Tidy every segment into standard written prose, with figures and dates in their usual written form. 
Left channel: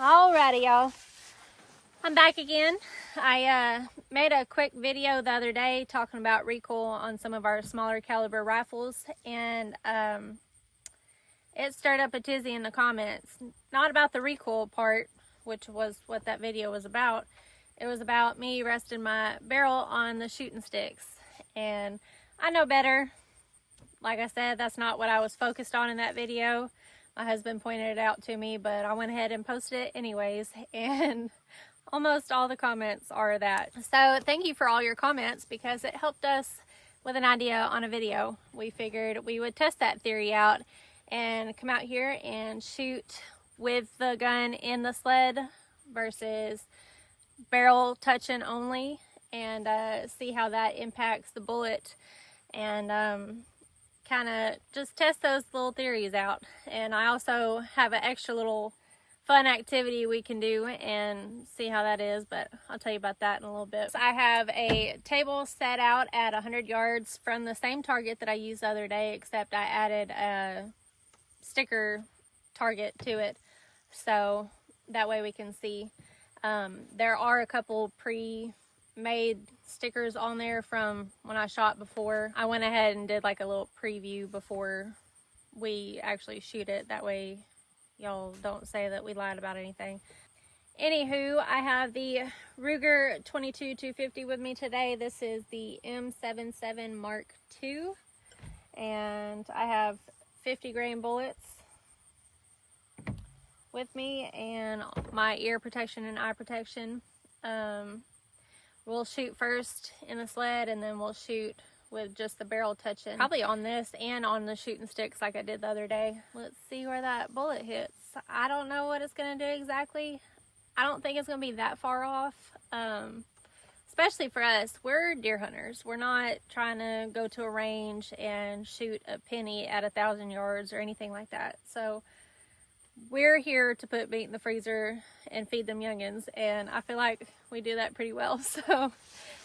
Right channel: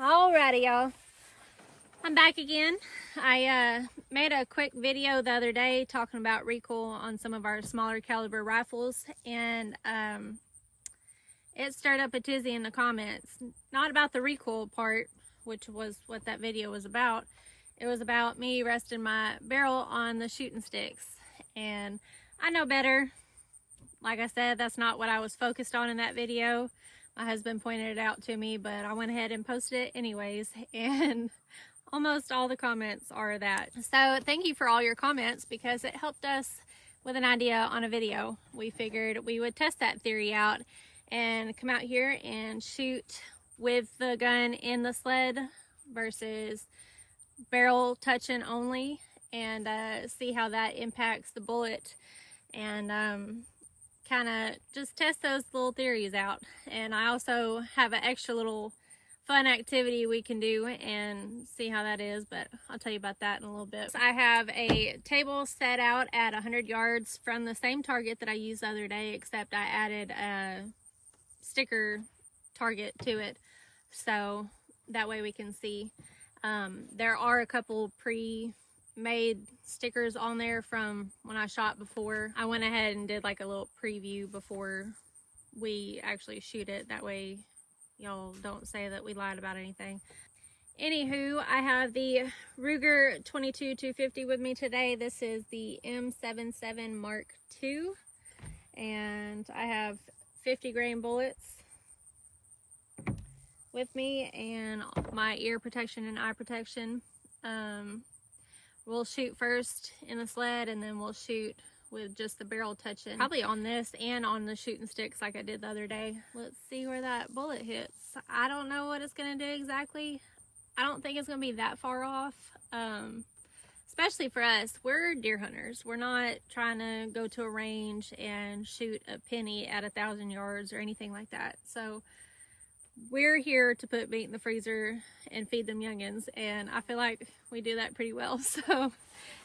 Alrighty, y'all. I'm back again. I made a quick video the other day talking about recoil on some of our smaller caliber rifles, and it stirred up a tizzy in the comments. Not about the recoil part, which was what that video was about. It was about me resting my barrel on the shooting sticks, and I know better. Like I said, that's not what I was focused on in that video. My husband pointed it out to me, but I went ahead and posted it anyways, and almost all the comments are that. So thank you for all your comments, because it helped us with an idea on a video. We figured we would test that theory out and come out here and shoot with the gun in the sled versus barrel touching only, and see how that impacts the bullet, and kind of just test those little theories out. And I also have an extra little fun activity we can do and see how that is, but I'll tell you about that in a little bit. So I have a table set out at 100 yards from the same target that I used the other day, except I added a sticker target to it, so that way we can see. There are a couple pre-made stickers on there from when I shot before. I went ahead and did like a little preview before we actually shoot it. That way y'all don't say that we lied about anything. Anywho, I have the Ruger 22-250 with me today. This is the M77 Mark II, and I have 50 grain bullets with me and my ear protection and eye protection. We'll shoot first in the sled, and then we'll shoot with just the barrel touching, probably on this and on the shooting sticks like I did the other day. Let's see where that bullet hits. I don't know what it's going to do exactly. I don't think it's going to be that far off, especially for us. We're deer hunters. We're not trying to go to a range and shoot a penny at 1,000 yards or anything like that. So we're here to put meat in the freezer and feed them youngins, and I feel like we do that pretty well. So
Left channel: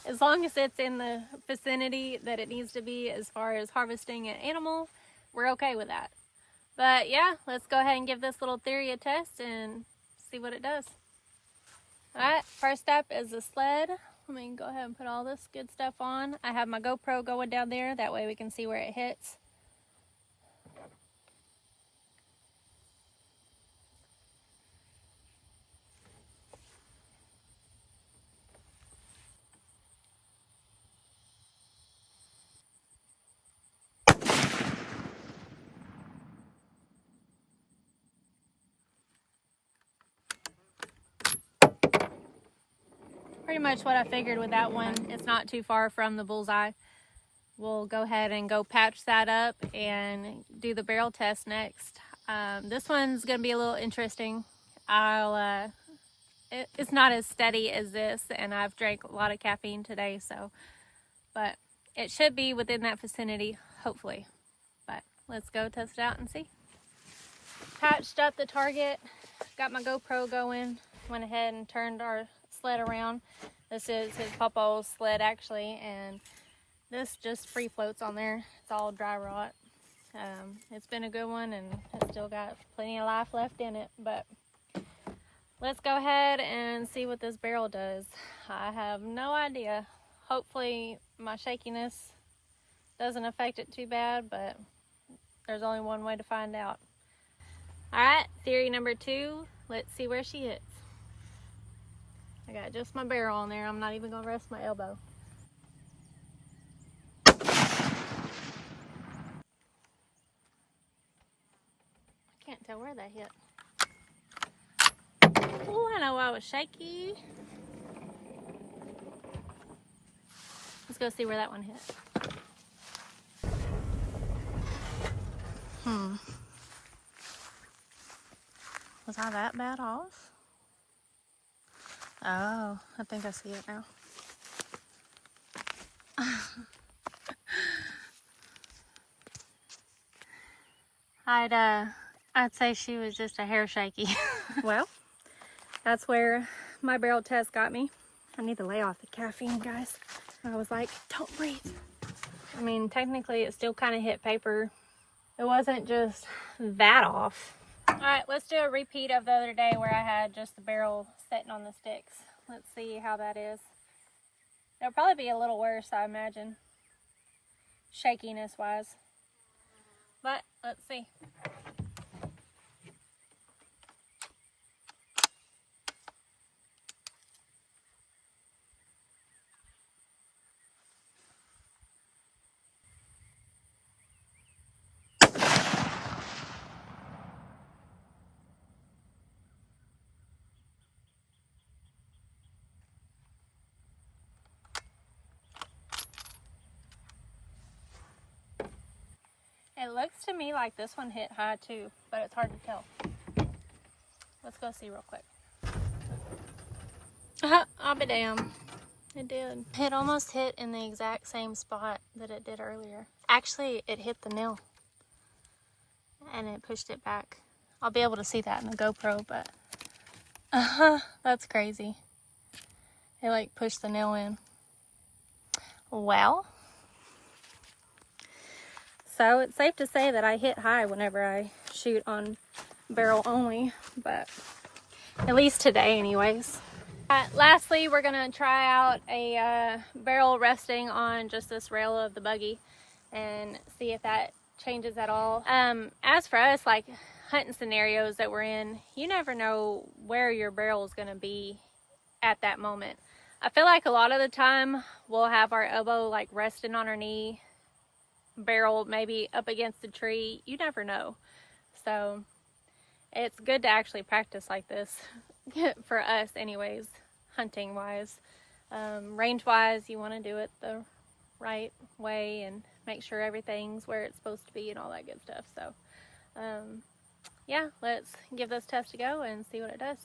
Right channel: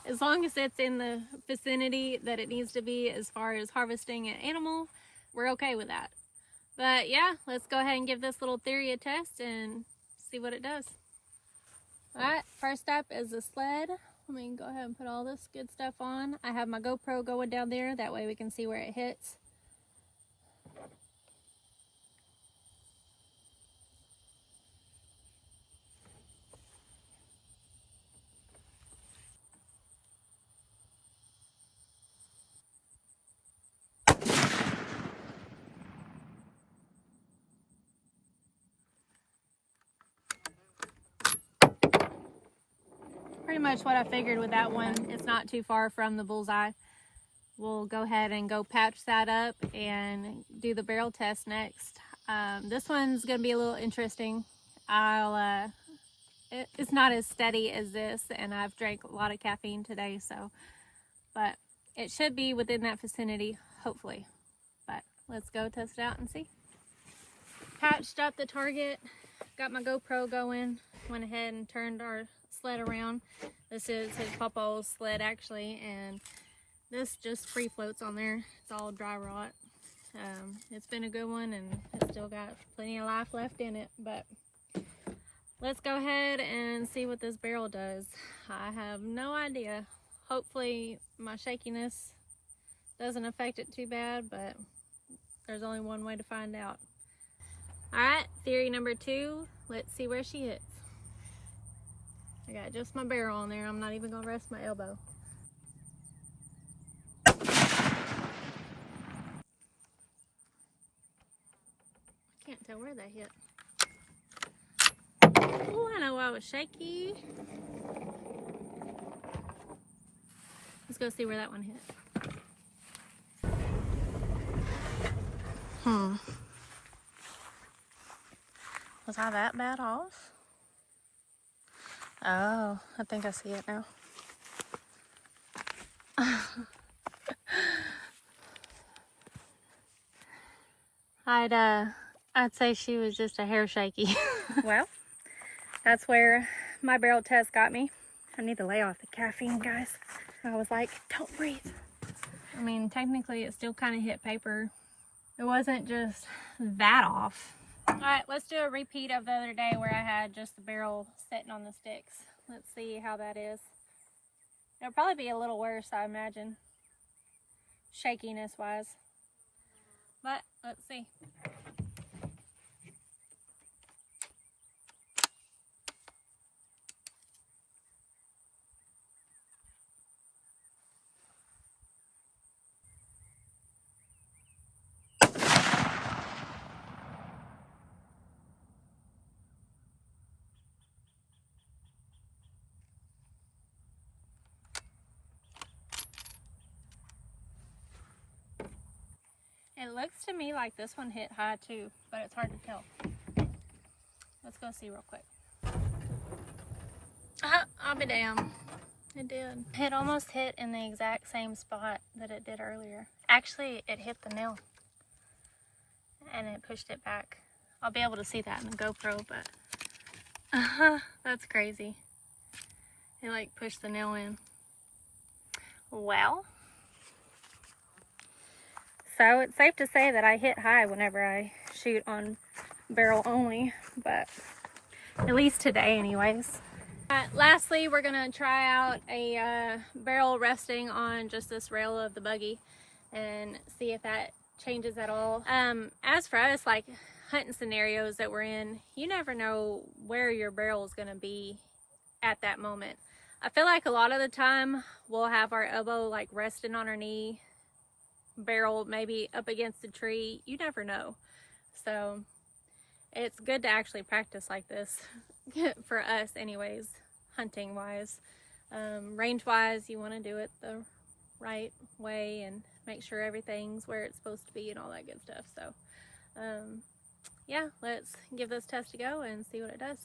as long as it's in the vicinity that it needs to be as far as harvesting an animal, we're okay with that. But yeah, let's go ahead and give this little theory a test and see what it does. Alright, first up is the sled. Let me go ahead and put all this good stuff on. I have my GoPro going down there, that way we can see where it hits. Pretty much what I figured with that one. It's not too far from the bullseye. We'll go ahead and go patch that up and do the barrel test next. This one's gonna be a little interesting. It's not as steady as this, and I've drank a lot of caffeine today, so, but it should be within that vicinity, hopefully. But let's go test it out and see. Patched up the target, got my GoPro going, went ahead and turned our sled around. This is his papa's sled actually, and this just free floats on there. It's all dry rot. It's been a good one, and it's still got plenty of life left in it, but let's go ahead and see what this barrel does. I have no idea. Hopefully my shakiness doesn't affect it too bad, but there's only one way to find out. Alright, theory number 2. Let's see where she hits. I got just my barrel on there. I'm not even gonna rest my elbow. Can't tell where that hit. Oh, I know I was shaky. Let's go see where that one hit. Was I that bad off? Oh, I think I see it now. I'd say she was just a hair shaky. Well, that's where my barrel test got me. I need to lay off the caffeine, guys. I was like, don't breathe. I mean, technically it still kind of hit paper. It wasn't just that off. Alright, let's do a repeat of the other day where I had just the barrel sitting on the sticks. Let's see how that is. It'll probably be a little worse, I imagine, shakiness wise. But let's see. It looks to me like this one hit high too, but it's hard to tell. Let's go see real quick. I'll be damned. It did. It almost hit in the exact same spot that it did earlier. Actually, it hit the nail and it pushed it back. I'll be able to see that in the GoPro, but that's crazy. It like pushed the nail in. Well, so it's safe to say that I hit high whenever I shoot on barrel only, but at least today anyways. Lastly, we're gonna try out a barrel resting on just this rail of the buggy and see if that changes at all. As for us, like hunting scenarios that we're in, you never know where your barrel is gonna be at that moment. I feel like a lot of the time we'll have our elbow like resting on our knee, barrel maybe up against a tree. You never know. So it's good to actually practice like this for us anyways, hunting wise. Range wise, you want to do it the right way and make sure everything's where it's supposed to be and all that good stuff. So yeah, let's give this test a go and see what it does.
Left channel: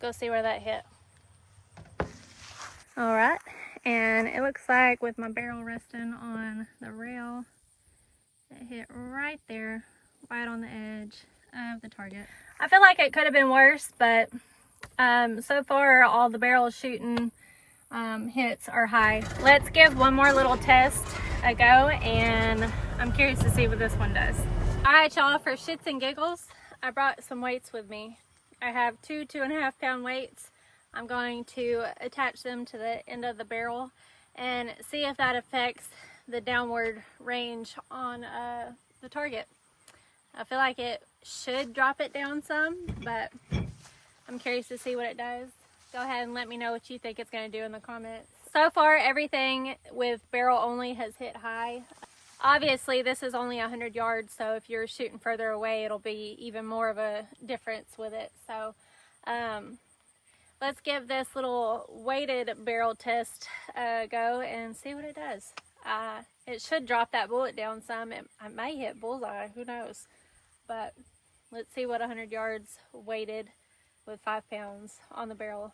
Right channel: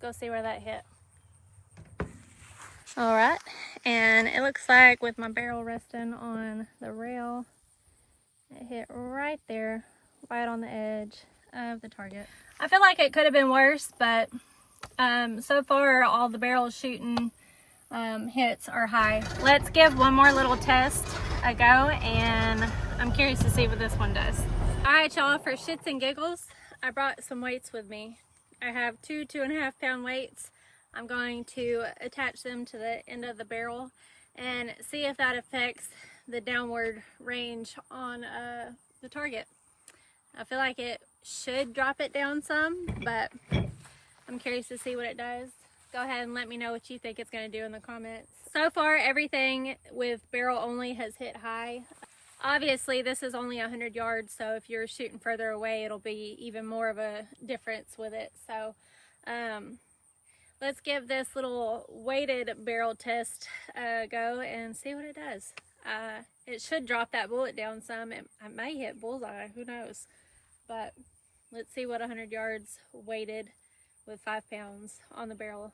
Go see where that hit. All right, and it looks like with my barrel resting on the rail, it hit right there, right on the edge of the target. I feel like it could have been worse, but so far all the barrels shooting hits are high. Let's give one more little test a go, and I'm curious to see what this one does. All right, y'all, for shits and giggles, I brought some weights with me. I have two 2.5 pound weights. I'm going to attach them to the end of the barrel and see if that affects the downward range on the target. I feel like it should drop it down some, but I'm curious to see what it does. Go ahead and let me know what you think it's going to do in the comments. So far, everything with barrel only has hit high. Obviously, this is only 100 yards, so if you're shooting further away, it'll be even more of a difference with it. So let's give this little weighted barrel test a go and see what it does. It should drop that bullet down some. It may hit bullseye, who knows. But let's see what 100 yards weighted with 5 pounds on the barrel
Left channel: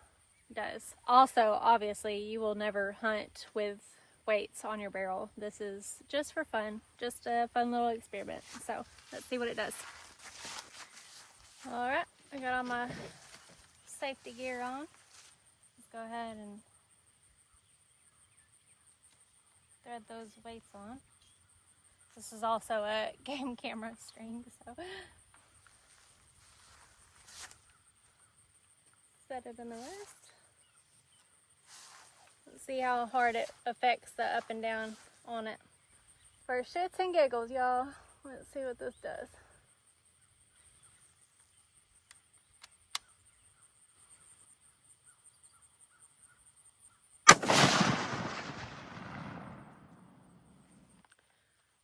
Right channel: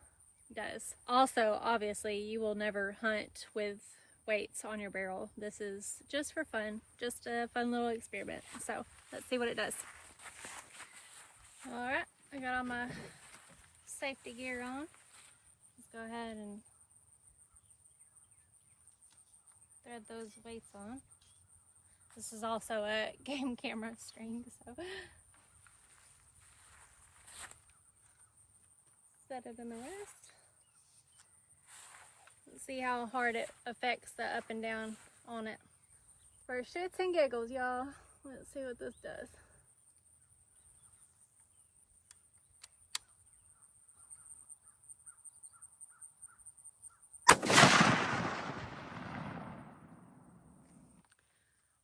does. Also, obviously, you will never hunt with weights on your barrel. This is just for fun, just a fun little experiment. So let's see what it does. All right, I got all my safety gear on. Let's go ahead and thread those weights on. This is also a game camera string, so set it in the wrist. Let's see how hard it affects the up and down on it. For shits and giggles, y'all, let's see what this does.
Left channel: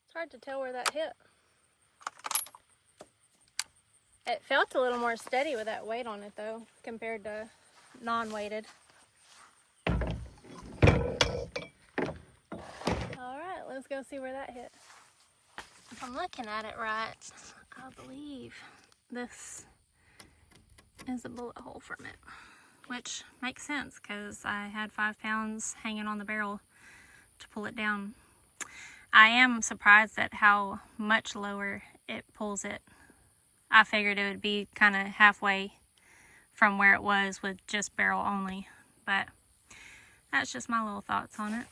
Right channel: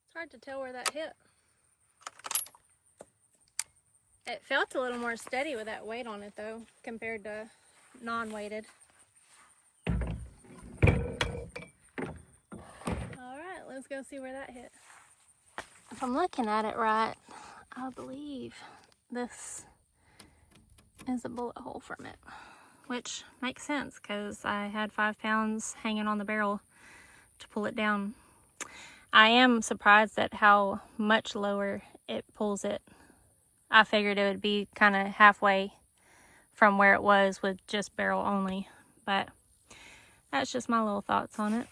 It's hard to tell where that hit. It felt a little more steady with that weight on it though, compared to non-weighted. Alright, let's go see where that hit. If I'm looking at it right, I believe this is a bullet hole from it, which makes sense because I had 5 pounds hanging on the barrel to pull it down. I am surprised at how much lower it pulls it. I figured it would be kind of halfway from where it was with just barrel only. But that's just my little thoughts on it.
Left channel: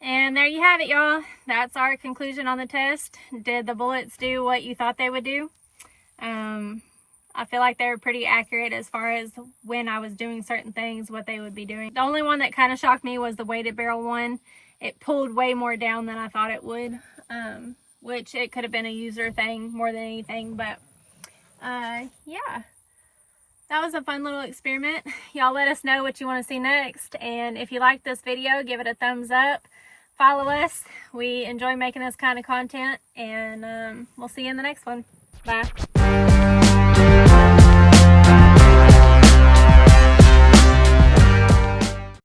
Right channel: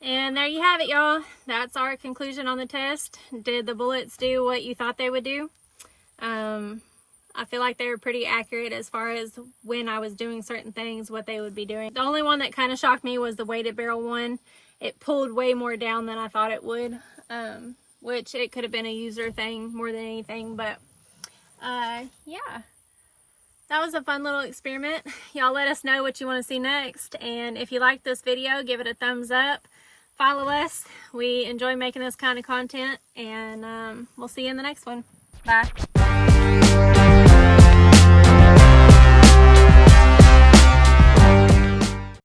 And there you have it, y'all. That's our conclusion on the test. Did the bullets do what you thought they would do? I feel like they were pretty accurate as far as when I was doing certain things, what they would be doing. The only one that kind of shocked me was the weighted barrel one. It pulled way more down than I thought it would, which it could have been a user thing more than anything. But yeah, that was a fun little experiment. Y'all let us know what you want to see next. And if you like this video, give it a thumbs up. Follow us. We enjoy making this kind of content. And we'll see you in the next one. Bye.